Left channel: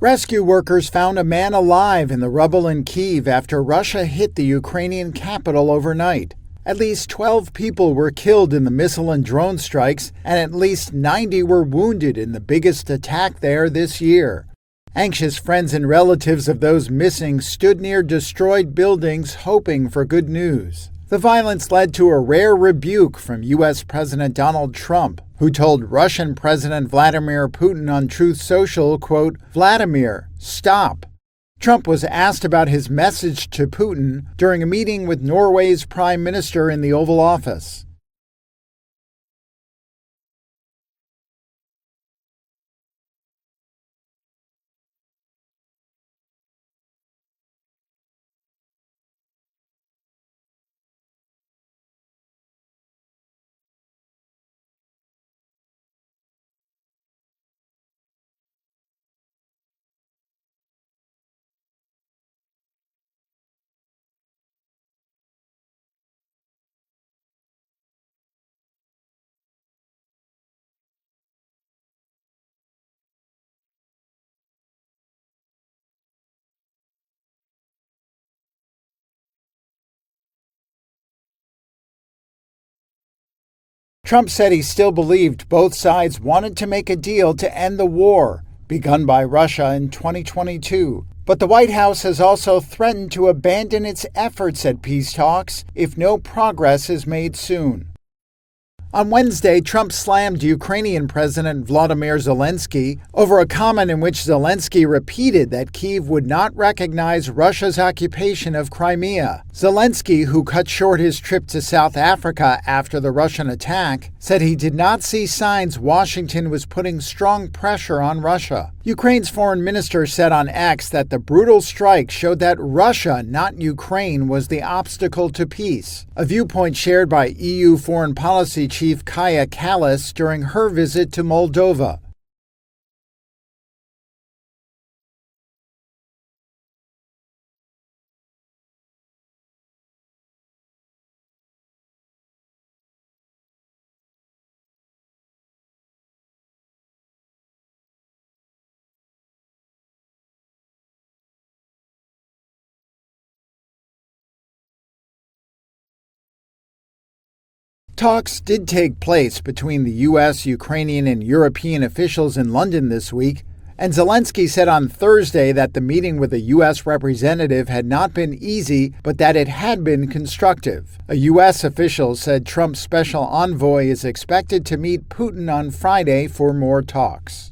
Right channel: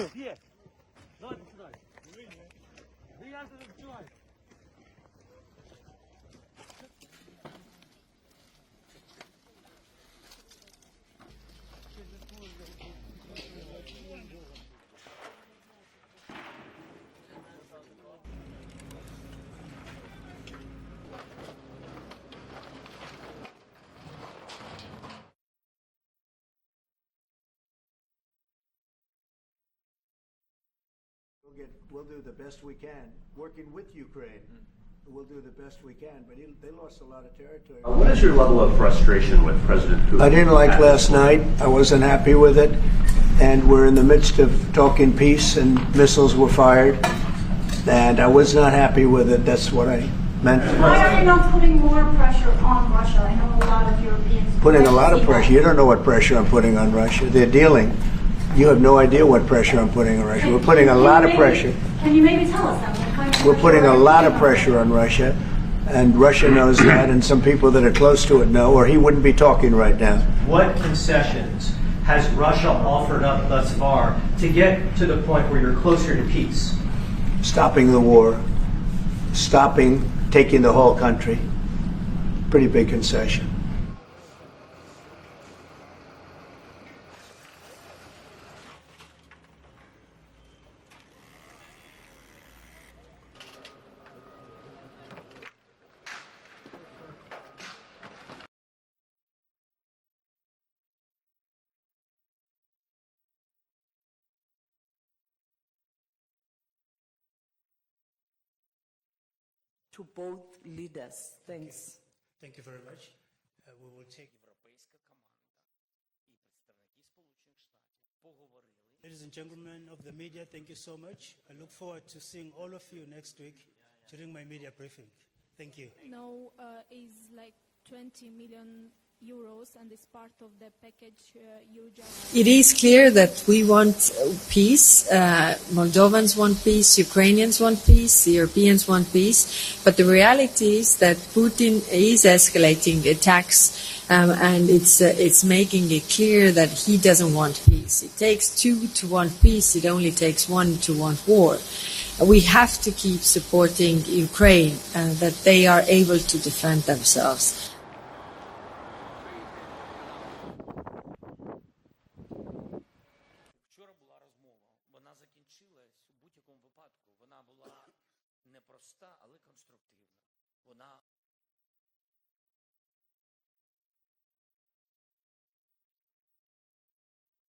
Rescue workers found a man alive in the rubble in Kyiv after Russia hit the Ukrainian capital overnight. At least 12 people were killed in the missile and drone strikes, and at least 90 were wounded in the biggest attack there this year. Anxious friends and relatives of those missing stood near destroyed buildings hoping for good news. The violence led to a rare rebuke from U.S. President Donald Trump, who told Russian President Vladimir Putin on Truth Social, quote, "Vladimir, stop." Trump was asked about his message to Putin during a meeting with Norway's prime minister in the Oval Office. What is your level of frustration with President Putin? I didn't like last night. I wasn't happy with it. And we're in the midst of talking peace, and missiles were fired. And I was not happy with it. That's what I meant. Why are you not putting more pressure on Russia? I know a lot of Europeans. Putting a lot of pressure. You don't know what pressure I'm putting on Russia. They're dealing. You have no idea what pressure I'm putting on Russia. We're putting a lot of pressure. Can you maybe tell us that? We're putting a lot of pressure on Russia, and Russia knows that, and some people that are close to it know, or he wouldn't be talking right now. What concessions has Russia offered up thus far to get to the point where you're closer to peace? Stopping the war, stopping taking the whole country. Pretty big concession. Trump said he still believed both sides wanted to make a deal to end the war begun by Russia in 2022. But the White House has also threatened to abandon its efforts at peace talks if no progress is made soon. On Wednesday, Trump slammed Ukrainian President Volodymyr Zelensky over a comment in which Zelensky repeated that Kyiv would not recognize Russia's occupation of Crimea. Zelensky, who cut short his trip to South Africa after the Russian attack, said he did not see signs Washington was putting strong pressure on Russia. Ukraine's foreign minister said on X that the brutal strike showed that Russia, not Ukraine, was the obstacle to peace, a viewpoint shared by EU Foreign Policy Chief Kaja Kallas during her visit to Moldova. It is clear that we want peace. Moldovans want peace, Ukrainians want peace, Europeans want peace. But the reality is that Putin is escalating attacks, and it's making it clear that he doesn't want peace. It takes two to want peace. It only takes one to want war. We have to keep supporting Ukraine, that they are able to defend themselves. Talks did take place between the U.S., Ukrainian, and European officials in London this week, and Zelensky said on Thursday that the meeting with a U.S. representative had not been easy, but that it had been constructive. A U.S. official said Trump's special envoy is expected to meet Putin on Friday for more talks.